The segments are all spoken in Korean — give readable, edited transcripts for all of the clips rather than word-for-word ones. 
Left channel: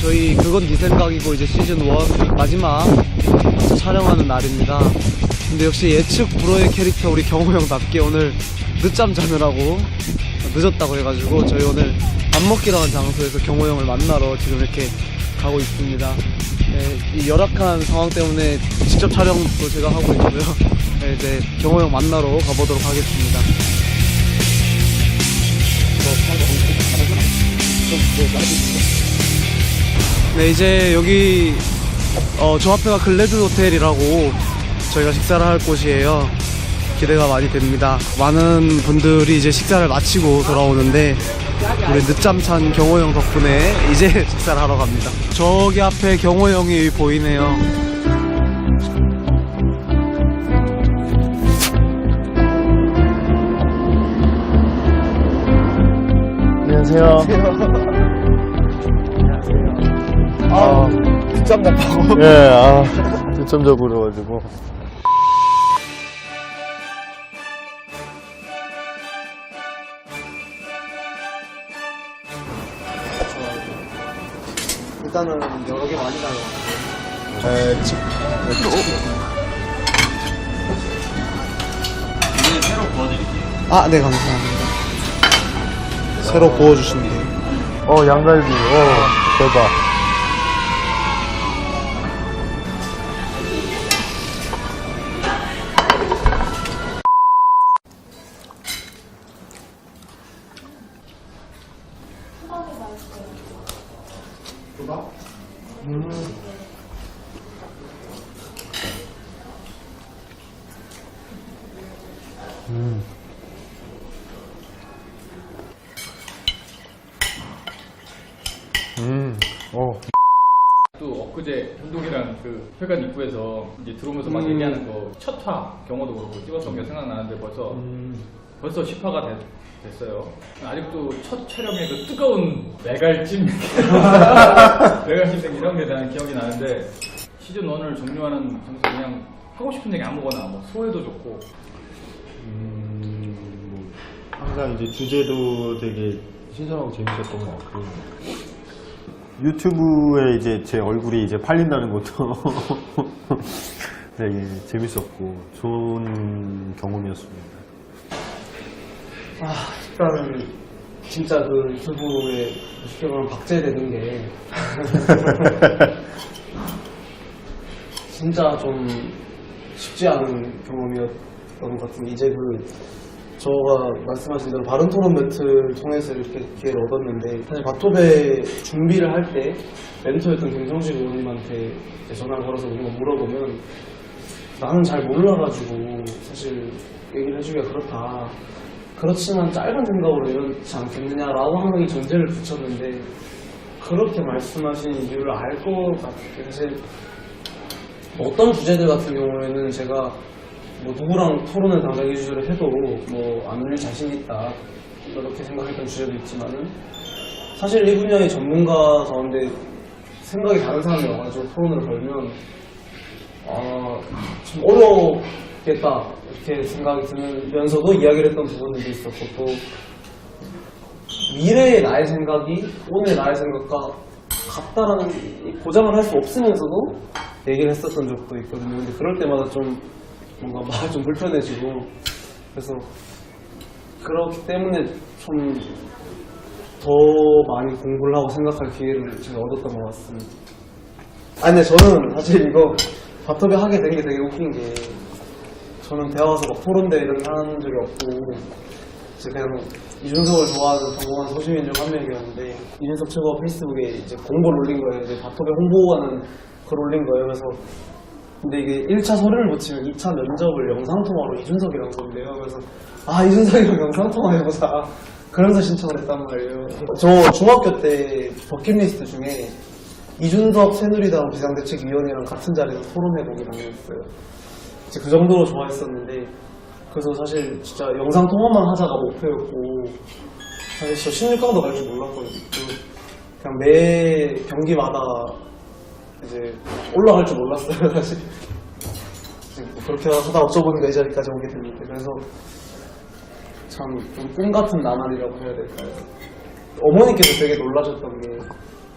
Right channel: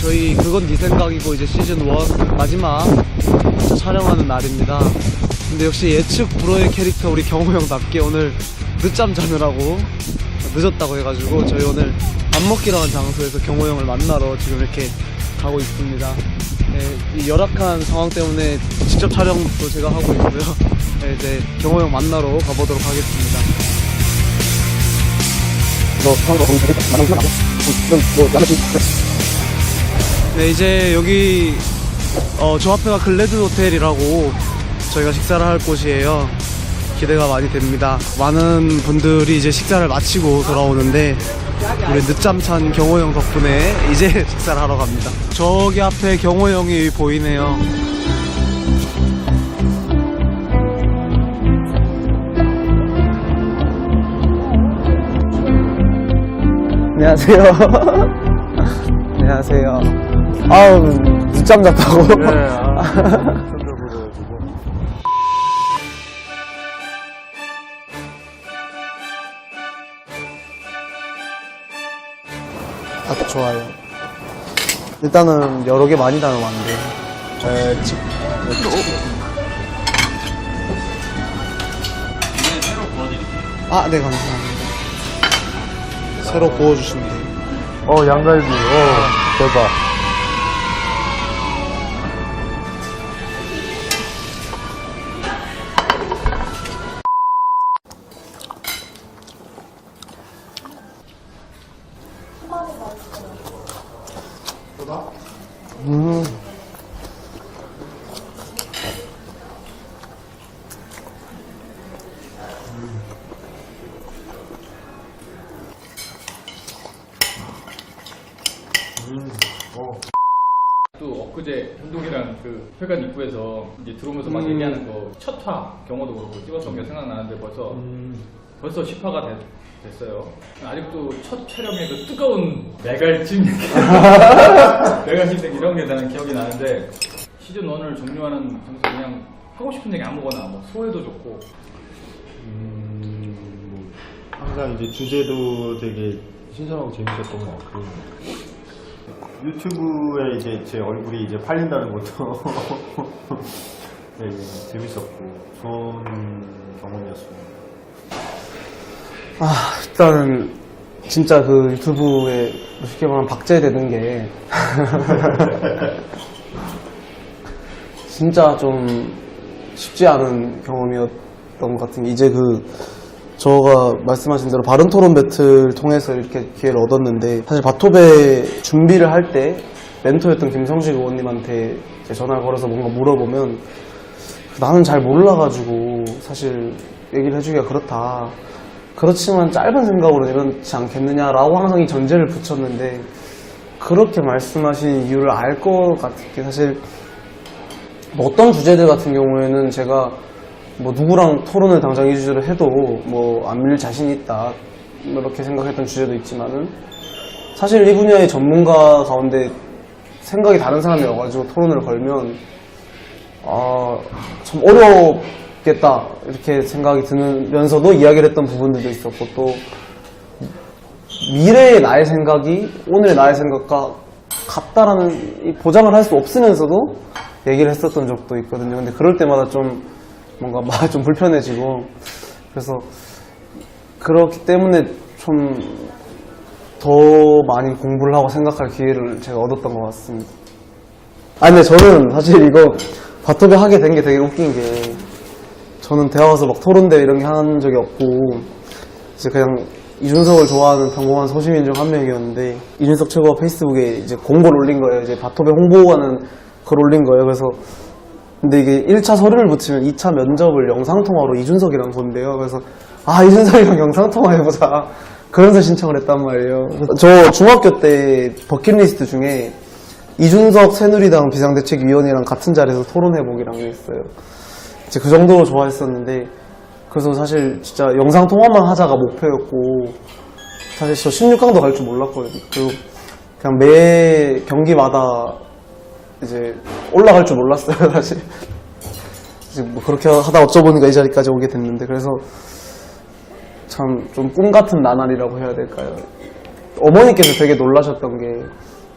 저희 그건 네 생각이고 이제 시즌 1 마지막 진짜 촬영하는 날입니다. 근데 역시 예측 불허의 캐릭터 우리 경호 형답게 오늘 늦잠 자느라고 늦었다고 해가지고 저희 오늘 밥 먹기로 한 장소에서 경호 형을 만나러 지금 이렇게 가고 있습니다. 네, 이 열악한 상황 때문에 직접 촬영도 제가 하고 있고요. 네, 이제 경호 형 만나러 가보도록 하겠습니다. 네, 이제 여기 저 앞에가 글래드 호텔이라고 저희가 식사를 할 곳이에요. 기대가 많이 됩니다. 많은 분들이 이제 식사를 마치고 돌아오는데 우리 늦잠 찬 경호 형 덕분에 이제 식사를 하러 갑니다. 저기 앞에 경호 형이 보이네요. 안녕하세요. 안녕하세요. 아우, 늦잠 잤다고? 네, 늦잠 자고 그래가지고. 아, 좋아요. 일단은 여러 개 많이 담으면 안 돼요. 이제 새로 구워드릴게요. 아, 네, 감사합니다. 새로 구워주시면 돼요. 양갈비, 대박. 또 엊그제 현동이랑 그 회관 입구에서 이제 들어오면서 막 얘기하는 거 첫 화 경호도 그렇고 찍었던 게 생각나는데 벌써 10화가 됐어요. 아직도 첫 촬영에 그 뜨거운 메갈찜 메갈찜 이런 게 나는 기억이 나는데 시즌 1을 종료하는 장소 그냥 하고 싶은 얘기 아무거나 뭐 소해도 좋고 항상 이제 주제도 되게 신선하고 재밌었던 것 같고. 유튜브에 이제 제 얼굴이 이제 팔린다는 것도 되게 재밌었고 좋은 경험이었습니다. 아, 일단은 진짜 그 유튜브에 쉽게 말하면 박제되는 게 진짜 좀 쉽지 않은 경험이었던 것 같은 게 이제 저가 말씀하신 대로 바른 토론 배틀 통해서 이렇게 기회를 얻었는데 사실 바토베 준비를 할 때 멘토였던 김성식 의원님한테 전화를 걸어서 뭔가 물어보면 나는 잘 몰라가지고 사실 얘기를 해주기가 그렇다. 그렇지만 짧은 생각으로 이렇지 않겠느냐라고 항상 이 전제를 붙였는데 그렇게 말씀하신 이유를 알 것 같은 게 사실 뭐 어떤 주제들 같은 경우에는 제가 뭐 누구랑 토론을 당장 이 주제를 해도 뭐 안 밀릴 자신이 있다 이렇게 생각했던 주제도 있지만은 사실 이 분야의 전문가 가운데 생각이 다른 사람이 와가지고 토론을 걸면 참 어렵겠다 이렇게 생각이 드면서도 이야기를 했던 부분들도 있었고 또 미래의 나의 생각이 오늘의 나의 생각과 같다라는 보장을 할 수 없으면서도 얘기를 했었던 적도 있거든요. 근데 그럴 때마다 좀 뭔가 말이 좀 불편해지고 그래서 그렇기 때문에 좀 더 많이 공부를 하고 생각할 기회를 제가 얻었던 것 같습니다. 근데 저는 사실 이거 바토베 하게 된 게 되게 웃긴 게 저는 대학 와서 막 토론대회 이런 게 한 적이 없고 이제 그냥 이준석을 좋아하는 평범한 소시민 중 한 명이었는데 이준석 최고가 페이스북에 이제 공고를 올린 거예요. 이제 바토베 홍보하는 글 올린 거예요. 그래서 근데 이게 1차 서류를 붙이면 2차 면접을 영상통화로 이준석이랑 본대요. 그래서 이준석이랑 영상통화해보자 그러면서 신청을 했단 말이에요. 저 중학교 때 버킷리스트 중에 이준석 새누리당 비상대책위원이랑 같은 자리에서 토론해보기란 게 있어요. 이제 그 정도로 좋아했었는데 그래서 사실 진짜 영상통화만 하자가 목표였고 사실 저 16강도 갈 줄 몰랐거든요. 그리고 그냥 매 경기마다 이제 올라갈 줄 몰랐어요, 사실. 이제 뭐 그렇게 하다 어쩌보니까 이 자리까지 오게 됐는데, 그래서 참 좀 꿈 같은 나날이라고 해야 될까요? 어머니께서 되게 놀라셨던 게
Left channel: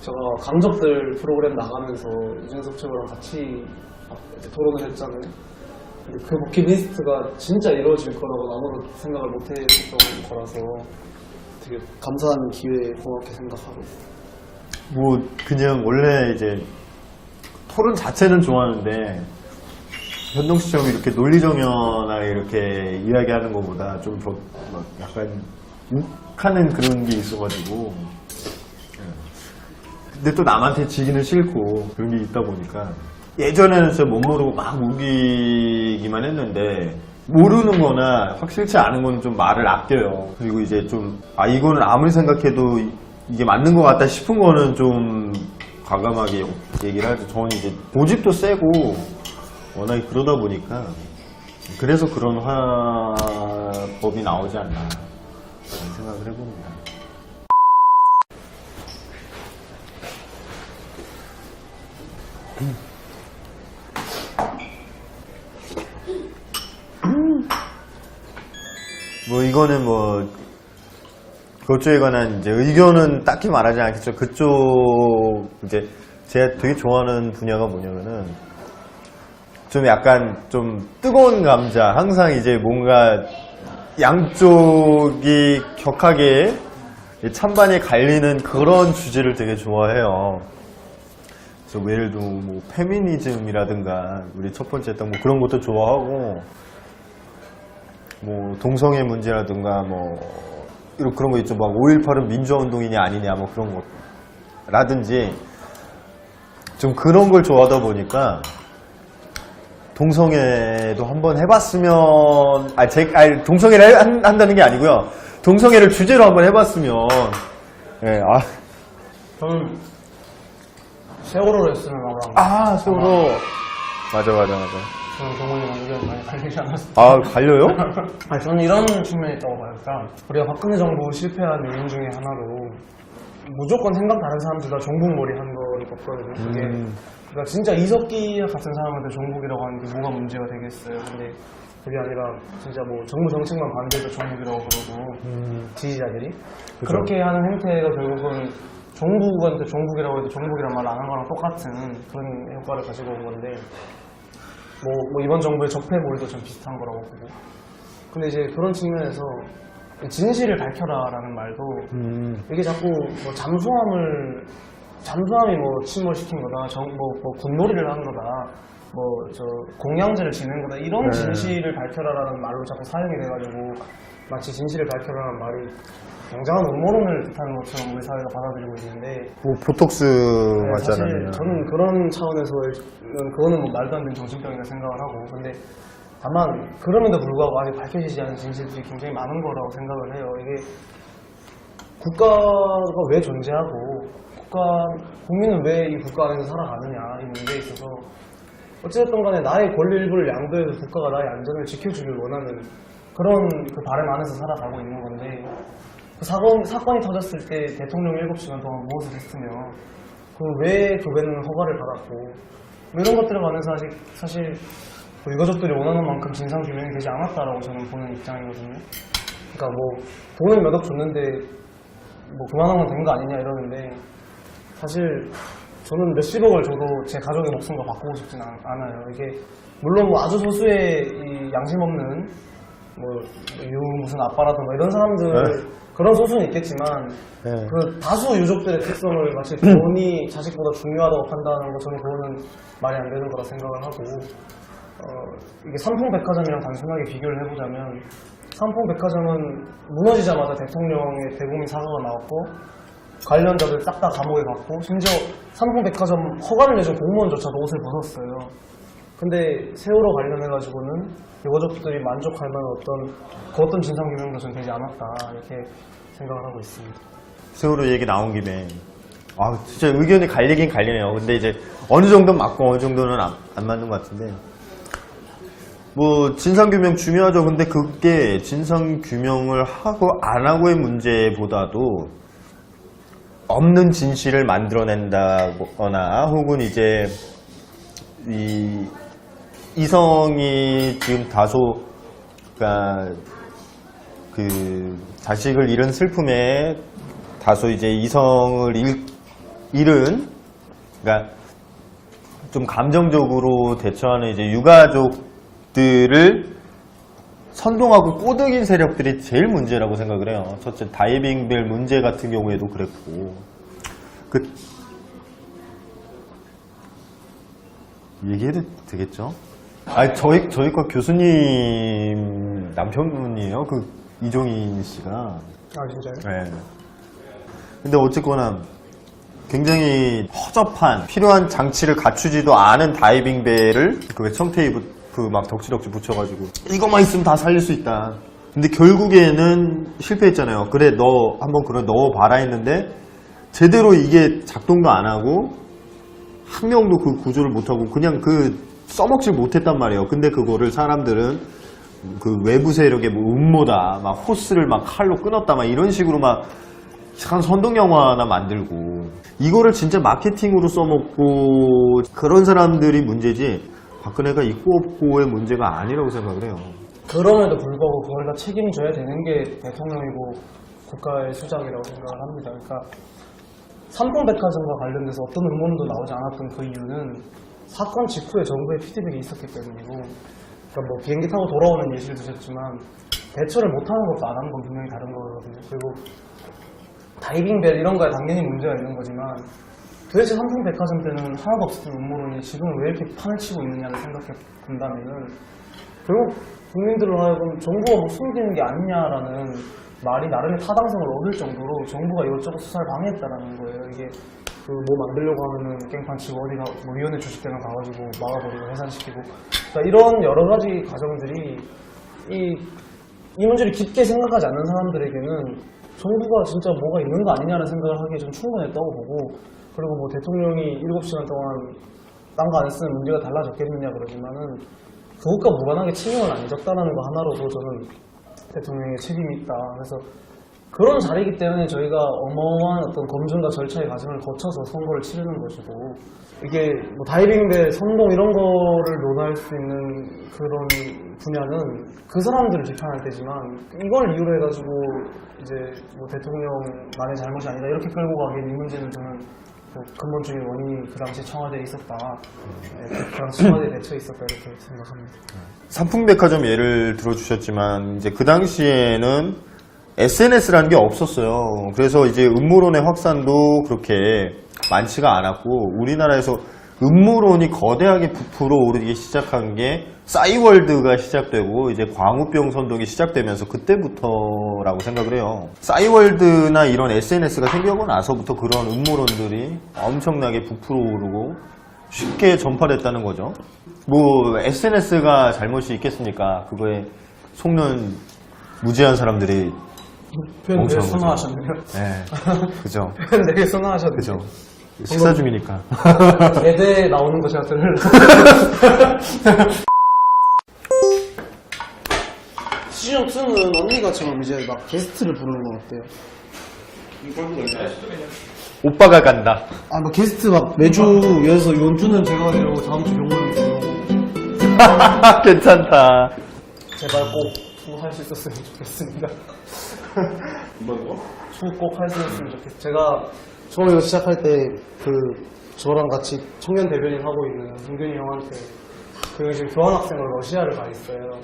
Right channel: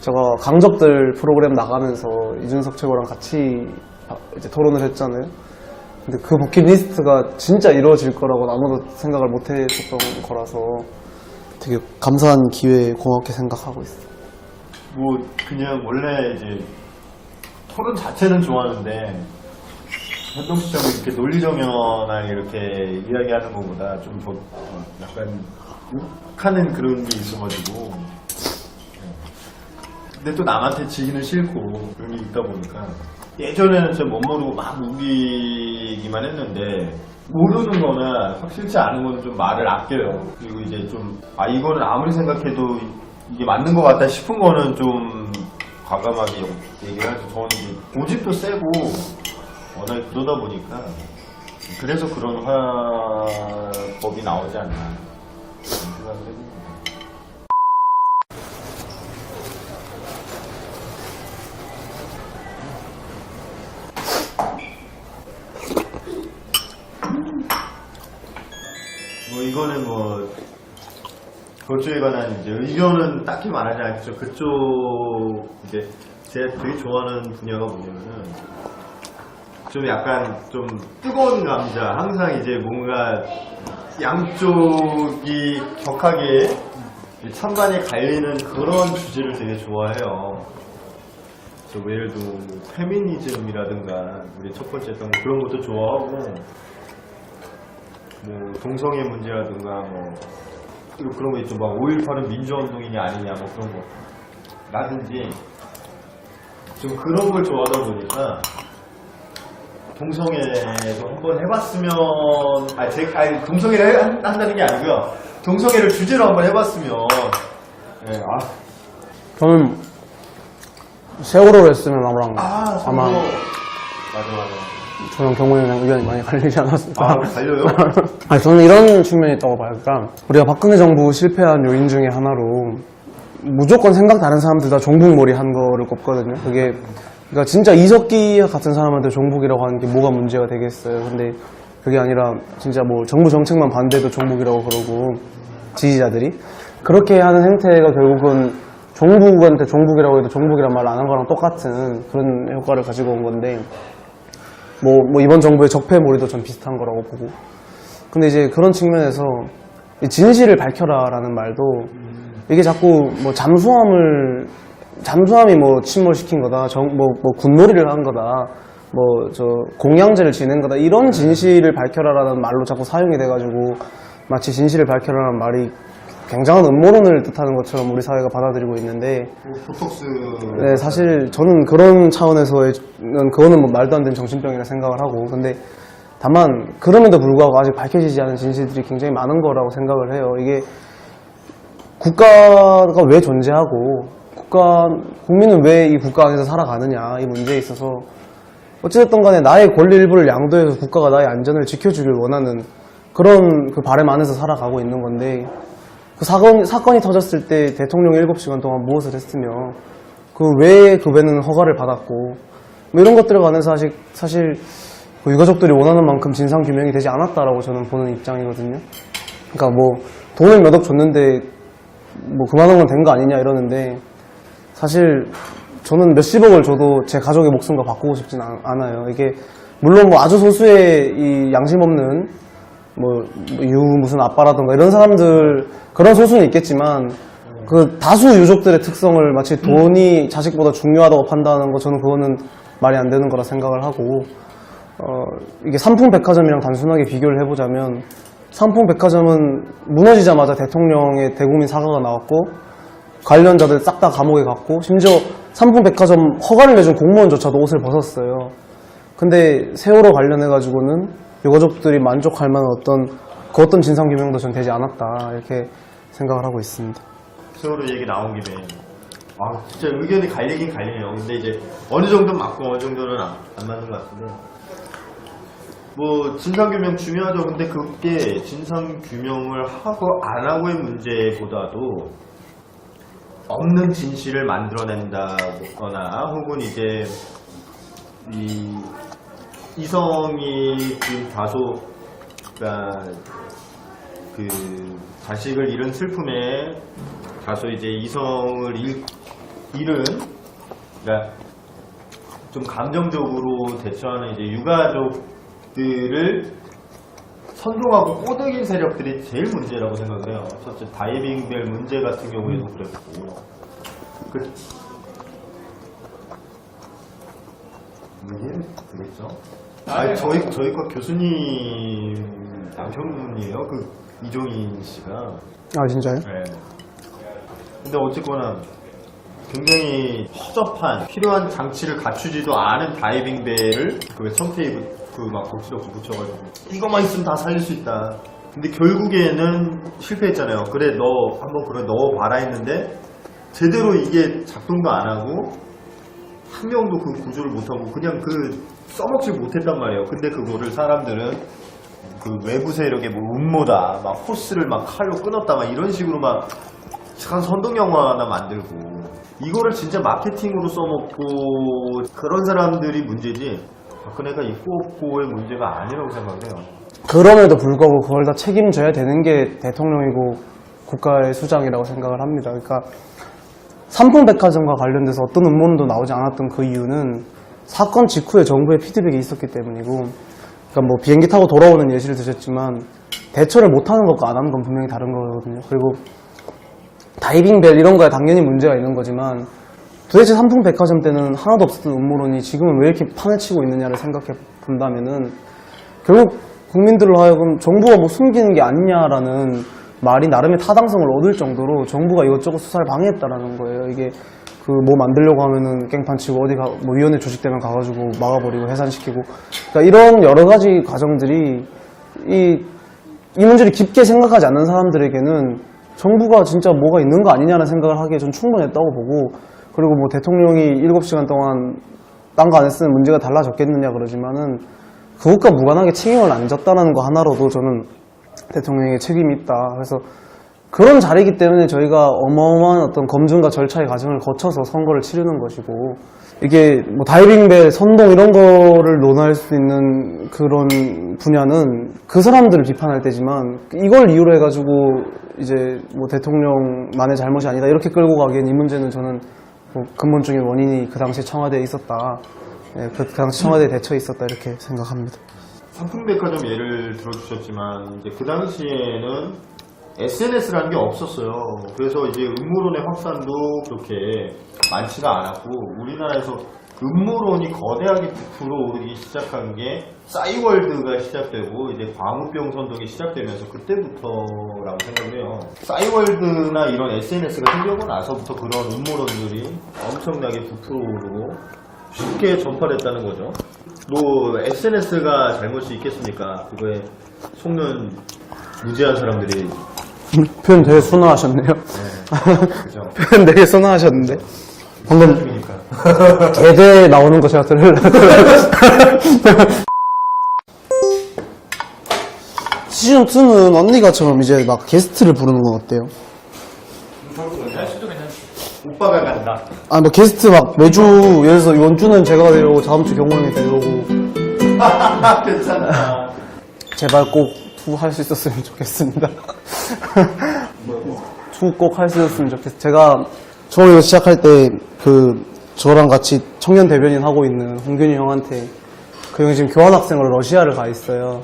제가 강적들 프로그램 나가면서 이준석 최고랑 같이 이제 토론을 했잖아요. 근데 그 버킷리스트가 진짜 이루어질 거라고 아무도 생각을 못 했었던 거라서 되게 감사한 기회에 고맙게 생각하고 있어요. 뭐 그냥 원래 이제 토론 자체는 좋아하는데 현동씨처럼 이렇게 논리정연하게 이렇게 이야기하는 것보다 좀 더 약간 욱하는 그런 게 있어가지고 근데 또 남한테 지기는 싫고 그런 게 있다 보니까 예전에는 진짜 못 모르고 막 우기기만 했는데 모르는 거나 확실치 않은 거는 좀 말을 아껴요. 그리고 이제 좀 이거는 아무리 생각해도 이게 맞는 것 같다 싶은 거는 좀 과감하게 얘기를 하죠. 저는 이제 고집도 세고 워낙에 그러다 보니까 그래서 그런 화법이 나오지 않나 생각을 해봅니다. 뭐 이거는 뭐 그쪽에 관한 이제 의견은 딱히 말하지 않겠죠. 그쪽 이제 제가 되게 좋아하는 분야가 뭐냐면은 좀 약간 좀 뜨거운 감자, 항상 이제 뭔가 양쪽이 격하게 찬반이 갈리는 그런 주제를 되게 좋아해요. 뭐 예를 들어 뭐 페미니즘이라든가 우리 첫 번째 했던 뭐 그런 것도 좋아하고 뭐 동성애 문제라든가 뭐 그런 거 있죠. 막 5.18은 민주화운동이냐 아니냐 뭐 그런 거 라든지 좀 그런 걸 좋아하다 보니까 동성애도 한번 해봤으면 동성애를 한다는 게 아니고요. 동성애를 주제로 한번 해봤으면 네, 저는 세월호를 했으면 아무랑 서로 맞아. 저는 경훈이랑 의견이 많이 갈리지 않았어요. 갈려요? 아니, 저는 이런 측면이 있다고 봐요. 그러니까 우리가 박근혜 정부 실패한 요인 중에 하나로 무조건 생각 다른 사람들 다 종북몰이 한 거를 꼽거든요. 그게 그러니까 진짜 이석기 같은 사람한테 종북이라고 하는 게 뭐가 문제가 되겠어요. 근데 그게 아니라 진짜 뭐 정부 정책만 반대해도 종북이라고 그러고 지지자들이 그렇게 하는 행태가 결국은 종북한테 종북이라고 해도 종북이란 말을 안 한 거랑 똑같은 그런 효과를 가지고 온 건데 뭐 이번 정부의 적폐몰이도 전 비슷한 거라고 보고. 근데 이제 그런 측면에서 이 진실을 밝혀라라는 말도 이게 자꾸 뭐 잠수함이 뭐 침몰시킨 거다, 뭐 군놀이를 한 거다, 뭐 저 공양제를 지낸 거다 이런 진실을 밝혀라라는 말로 자꾸 사용이 돼가지고 마치 진실을 밝혀라라는 말이 굉장한 음모론을 뜻하는 것처럼 우리 사회가 받아들이고 있는데 보톡스 네, 사실 저는 그런 차원에서의 그거는 뭐 말도 안 되는 정신병이라 생각을 하고 근데 다만 그럼에도 불구하고 아직 밝혀지지 않은 진실들이 굉장히 많은 거라고 생각을 해요. 이게 국가가 왜 존재하고 국민은 왜 이 국가 안에서 살아가느냐 이 문제에 있어서 어찌됐든 간에 나의 권리 일부를 양도해서 국가가 나의 안전을 지켜주길 원하는 그런 그 바람 안에서 살아가고 있는 건데 그 사건이 터졌을 때 대통령 7시간 동안 무엇을 했으며 그 왜 그 배는 허가를 받았고 뭐 이런 것들에 관해서 사실 그 유가족들이 원하는 만큼 진상규명이 되지 않았다라고 저는 보는 입장이거든요. 그러니까 뭐 돈을 몇 억 줬는데 뭐 그만한 건 된 거 아니냐 이러는데 사실 저는 몇십억을 줘도 제 가족의 목숨과 바꾸고 싶진 않아요. 이게 물론 뭐 아주 소수의 이 양심 없는 뭐 무슨 아빠라든가 이런 사람들 그런 소수는 있겠지만 그 다수 유족들의 특성을 마치 돈이 자식보다 중요하다고 판단하는 거 저는 그거는 말이 안 되는 거라 생각을 하고 이게 삼풍백화점이랑 단순하게 비교를 해보자면 삼풍백화점은 무너지자마자 대통령의 대국민 사과가 나왔고 관련자들 싹 다 감옥에 갔고 심지어 삼풍백화점 허가를 내준 공무원조차도 옷을 벗었어요. 근데 세월호 관련해가지고는 유가족들이 만족할 만한 어떤 진상규명도 전 되지 않았다 이렇게 생각을 하고 있습니다. 세월호 얘기 나온 김에 진짜 의견이 갈리긴 갈리네요. 근데 이제 어느 정도는 맞고 어느 정도는 안 맞는 것 같은데 뭐 진상규명 중요하죠. 근데 그게 진상규명을 하고 안 하고의 문제보다도 없는 진실을 만들어낸다거나 혹은 이제 이성이 지금 다소 그러니까 그 자식을 잃은 슬픔에 다소 이제 이성을 일은 그러니까 좀 감정적으로 대처하는 이제 유가족들을 선동하고 꼬드긴 세력들이 제일 문제라고 생각을 해요. 첫째 다이빙벨 문제 같은 경우에도 그랬고 얘기해도 되겠죠? 아니 저희과 교수님 남편분이에요. 그 이종희 씨가. 아 진짜요? 네. 근데 어쨌거나 굉장히 허접한 필요한 장치를 갖추지도 않은 다이빙벨을 그 청테이프 그 막 덕지덕지 붙여가지고 이것만 있으면 다 살릴 수 있다. 근데 결국에는 실패했잖아요. 그래 너 한번 그래 넣어봐라 했는데 제대로 이게 작동도 안 하고 한 명도 그 구조를 못하고 그냥 그 써먹지 못했단 말이에요. 근데 그거를 사람들은 그 외부 세력의 뭐 음모다, 막 호스를 막 칼로 끊었다, 막 이런 식으로 막 한 선동 영화나 만들고 이거를 진짜 마케팅으로 써먹고 그런 사람들이 문제지 박근혜가 있고 없고의 문제가 아니라고 생각을 해요. 그럼에도 불구하고 그걸 다 책임져야 되는 게 대통령이고 국가의 수장이라고 생각을 합니다. 그러니까 삼풍백화점과 관련돼서 어떤 음모론도 나오지 않았던 그 이유는 사건 직후에 정부의 피드백이 있었기 때문이고, 그러니까 뭐 비행기 타고 돌아오는 예시를 드셨지만 대처를 못하는 것과 안 하는 건 분명히 다른 거거든요. 그리고 다이빙벨 이런 거에 당연히 문제가 있는 거지만 도대체 삼풍백화점 때는 하나도 없었던 음모론이 지금은 왜 이렇게 판을 치고 있느냐를 생각해 본다면은 결국 국민들로 하여금 정부가 뭐 숨기는 게 아니냐라는 말이 나름의 타당성을 얻을 정도로 정부가 이것저것 수사를 방해했다라는 거예요. 이게 그 뭐 만들려고 하면은 깽판 치고 어디 가 뭐 위원회 조직되면 가가지고 막아버리고 해산시키고, 그러니까 이런 여러 가지 과정들이 이 문제를 깊게 생각하지 않는 사람들에게는 정부가 진짜 뭐가 있는 거 아니냐는 생각을 하기에 전 충분했다고 보고, 그리고 뭐 대통령이 7시간 동안 딴 거 안 했으면 문제가 달라졌겠느냐 그러지만은 그것과 무관하게 책임을 안 졌다는 거 하나로도 저는 대통령에게 책임이 있다. 그래서 그런 자리이기 때문에 저희가 어마어마한 어떤 검증과 절차의 과정을 거쳐서 선거를 치르는 것이고, 이게 뭐 다이빙벨, 선동 이런 거를 논할 수 있는 그런 분야는 그 사람들을 비판할 때지만 이걸 이유로 해가지고 이제 뭐 대통령만의 잘못이 아니다 이렇게 끌고 가기엔 이 문제는 저는 뭐 근본적인 원인이 그 당시에 청와대에 있었다. 예, 그 당시 청와대에 대처에 있었다 이렇게 생각합니다. 삼풍백화점 예를 들어주셨지만 이제 그 당시에는 SNS라는 게 없었어요. 그래서 이제 음모론의 확산도 그렇게 많지가 않았고 우리나라에서 음모론이 거대하게 부풀어 오르기 시작한 게 싸이월드가 시작되고 이제 광우병 선동이 시작되면서 그때부터라고 생각을 해요. 싸이월드나 이런 SNS가 생기고 나서부터 그런 음모론들이 엄청나게 부풀어 오르고 쉽게 전파됐다는 거죠. 뭐 SNS가 잘못이 있겠습니까? 그거에 속는 무지한 사람들이. 표현 되게 순화하셨네요. 네, 그죠. 표현 되게 순화하셨는데. 시사 중이니까. 개대 나오는 거 제가 들으려고. 시즌2는 언니가처럼 이제 막 게스트를 부르는 건 어때요? 오빠가 간다. 아, 뭐 게스트 막 매주, 예를 들어서 이번 주는 제가 데려오고 다음 주 경호 형이 데려오고. 괜찮다. 제발 꼭 투 할 수 있었으면 좋겠습니다. 투 꼭 할 수 있었으면 좋겠어요. 제가 처음에 이거 시작할 때 저랑 같이 청년 대변인 하고 있는 홍균이 형한테 그 형이 지금 교환학생으로 러시아를 가 있어요.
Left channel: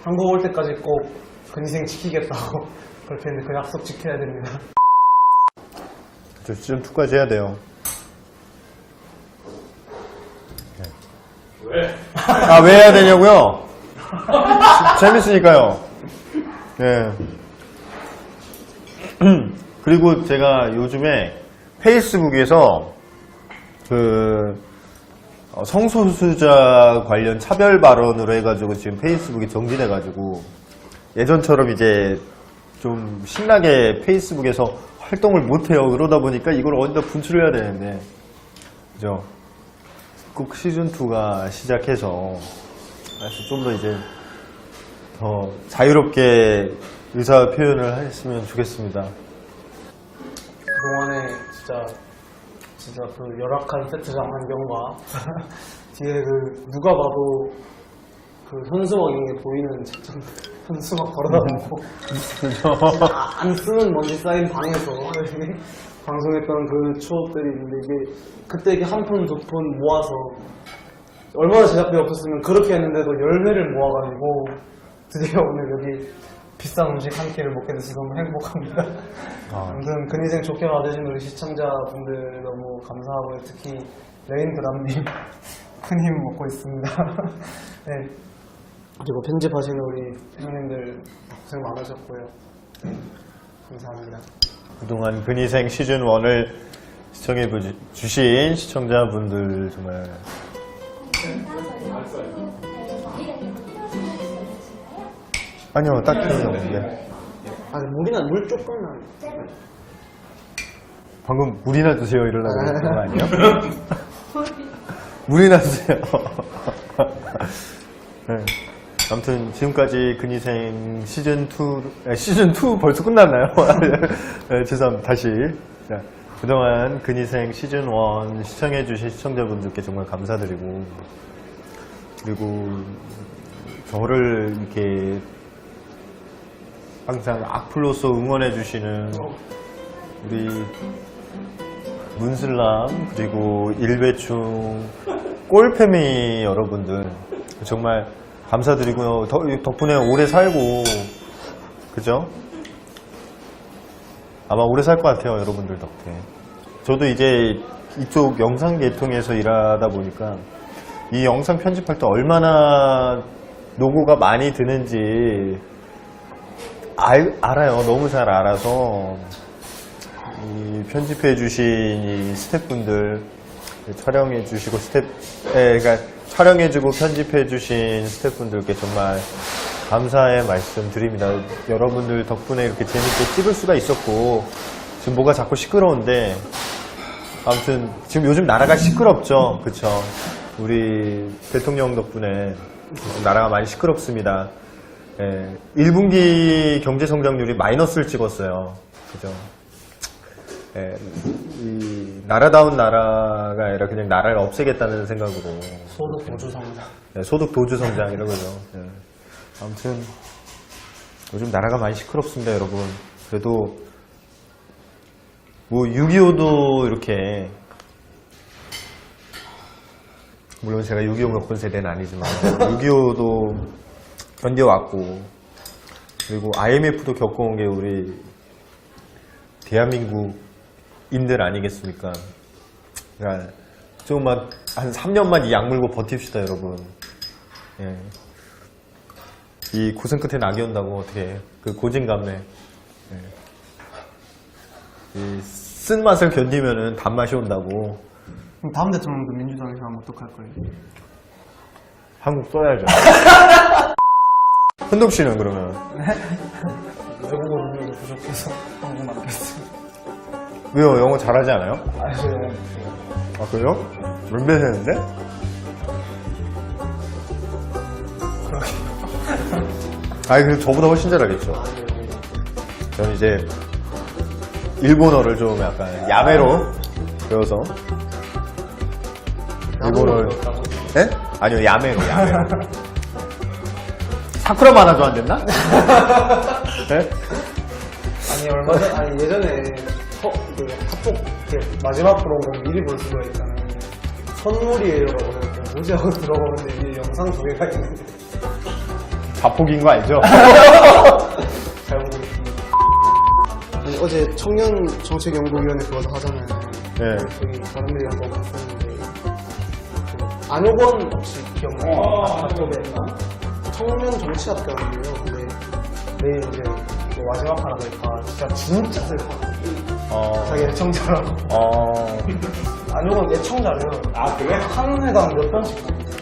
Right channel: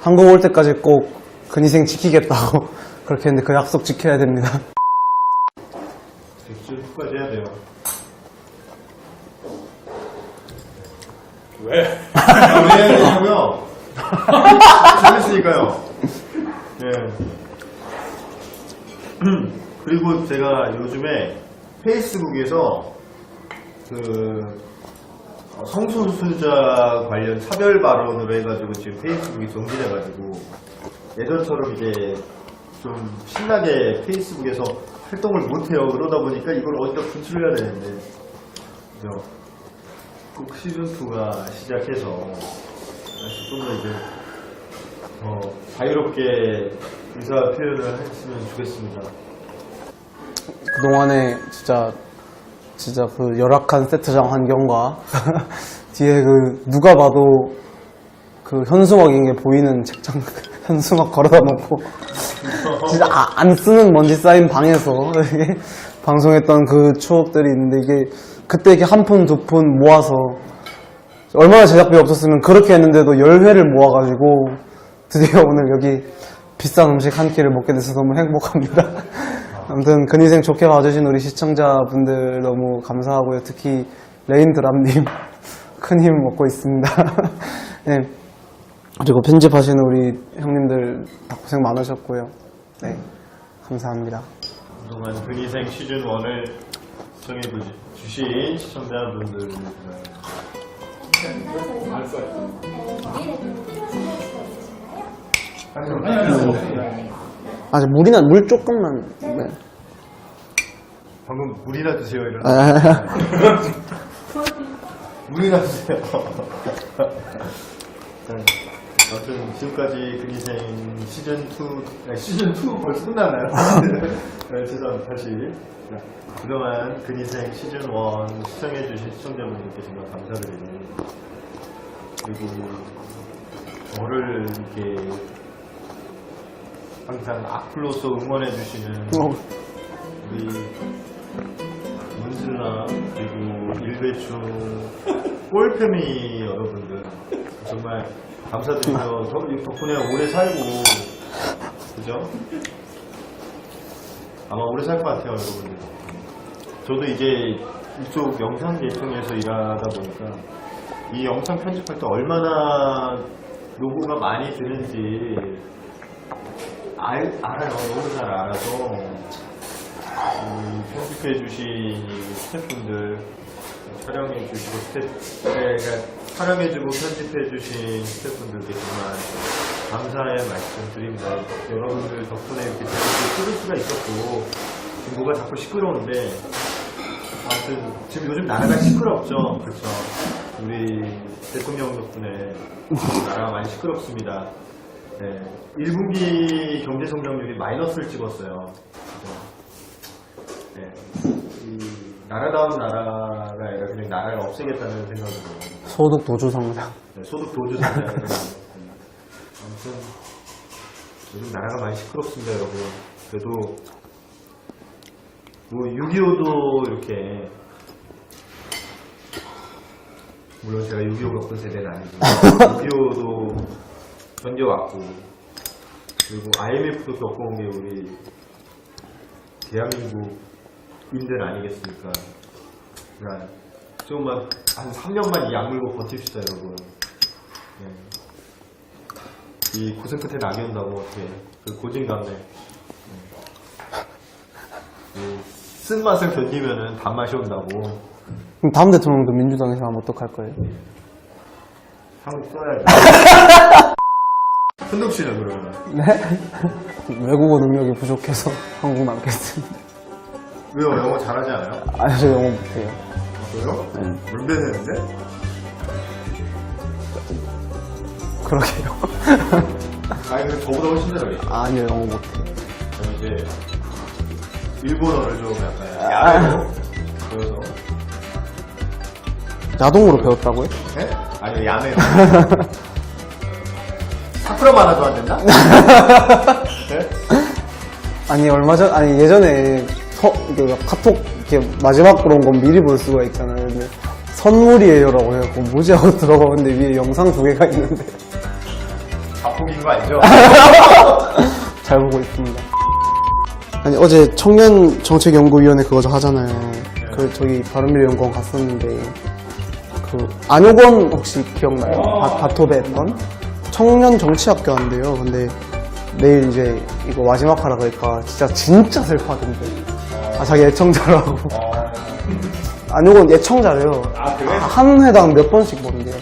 한국 올 때까지 꼭 근위생 지키겠다고 그렇게 했는데 그 약속 지켜야 됩니다. 시즌 2까지 해야 돼요. 왜? 아, 왜 해야 되냐고요? 재밌으니까요. 네. 그리고 제가 요즘에 페이스북에서 성소수자 관련 차별 발언으로 해가지고 지금 페이스북이 정지돼가지고 예전처럼 이제 좀 신나게 페이스북에서 활동을 못해요. 그러다 보니까 이걸 어디다 분출해야 되는데, 그죠? 꼭 시즌2가 시작해서 다시 좀 더 이제 자유롭게 의사 표현을 했으면 좋겠습니다. 그동안에 진짜 그 열악한 세트장 환경과 뒤에 누가 봐도 현수막인 게 보이는 책장 현수막 걸어다 놓고 진짜 안 쓰는 먼지 쌓인 방에서 이렇게 방송했던 그 추억들이 있는데 이게 그때 이렇게 한 푼, 두 푼 모아서 얼마나 제작비 없었으면 그렇게 했는데도 10회를 모아가지고 드디어 오늘 여기 비싼 음식 한 끼를 먹게 돼서 너무 행복합니다. 아무튼 근희생 좋게 봐주신 우리 시청자분들 너무 감사하고요. 특히 레인드랍님 큰 힘 얻고 있습니다. 네. 그리고 편집하시는 우리 형님들 다 고생 많으셨고요. 네, 감사합니다. 그동안 근희생 시즌1을 시청해주신 시청자분들 정말 아니요, 딱 있었는데 아직 물이나 물 조금만. 네. 방금 물이나 드세요 이러는 거 아니에요? 물이나 드세요. 네. 아무튼 지금까지 근희생 시즌2 벌써 끝났나요? 네, 죄송합니다. 다시. 자, 그동안 근희생 시즌1 시청해주신 시청자분들께 정말 감사드리고, 그리고 저를 이렇게 항상 악플로서 응원해주시는 우리 문슬람 그리고 일배충 꼴패미 여러분들 정말 감사드리고요. 덕분에 오래 살고, 그죠? 아마 오래 살 것 같아요, 여러분들 덕분에. 저도 이제 이쪽 영상 계통에서 일하다 보니까 이 영상 편집할 때 얼마나 노고가 많이 드는지 알아요. 너무 잘 알아서 편집해주신 스태프분들, 촬영해주시고 그러니까 촬영해주고 편집해주신 스태프분들께 정말 감사의 말씀 드립니다. 여러분들 덕분에 이렇게 재밌게 찍을 수가 있었고, 지금 뭐가 자꾸 시끄러운데, 아무튼 지금 요즘 나라가 시끄럽죠, 그쵸? 우리 대통령 덕분에 나라가 많이 시끄럽습니다. 예, 1분기 경제 성장률이 마이너스를 찍었어요, 그죠? 예, 이 나라다운 나라가 아니라 그냥 나라를 없애겠다는 생각으로 소득 도주 성장. 네, 소득 도주 성장 이런 거죠. 네. 아무튼 요즘 나라가 많이 시끄럽습니다, 여러분. 그래도 뭐 6.25도 이렇게, 물론 제가 6.25 겪은 세대는 아니지만 6.25도 견뎌왔고, 그리고 IMF도 겪어온 게 우리 대한민국인들 아니겠습니까? 그러니까 좀만 한 3년만 이 약물고 버팁시다, 여러분. 예. 이 고생 끝에 낙이 온다고 어떻게 그 고진감래. 예. 이 쓴맛을 견디면은 단맛이 온다고. 그럼 다음 대통령도 민주당에서 하면 어떡할 거예요? 한국 써야죠. 현동 씨는 그러면? 외국어 능력이 부족해서 한국 남겠습니다. 왜요? 영어 잘하지 않아요? 아니, 저 영어 못해요. 아, 그래요? 룸메했는데? 그러게요. 아니, 근데 저보다 훨씬 잘하겠죠. 아니요, 영어 못해요. 저는 이제 일본어를 좀 약간 야매로 배워서. 야동으로 배웠다고요? 네? 아니요, 야매로. 사쿠라 만화도 안 됐나? 네? 아니, 아니, 예전에 이게 카톡 이렇게 마지막 그런 건 미리 볼 수가 있잖아요. 근데 선물이에요라고 해갖고 뭐지 하고 들어가는데 위에 영상 2개가 있는데 자폭인 거 아니죠? 잘 보고 있습니다. 아니, 어제 청년정책연구위원회 그거 하잖아요. 네. 그 저기 바른미래연구원 갔었는데 그 안효건 혹시 기억나요? 바토베 했던 청년정치학교 한대요. 근데 내일 이제 이거 마지막 하라 그러니까 진짜 슬퍼하던데. 자기 애청자라고. 안효건 애청자래요. 아, 그래? 한 회당 몇 번씩 보는데요.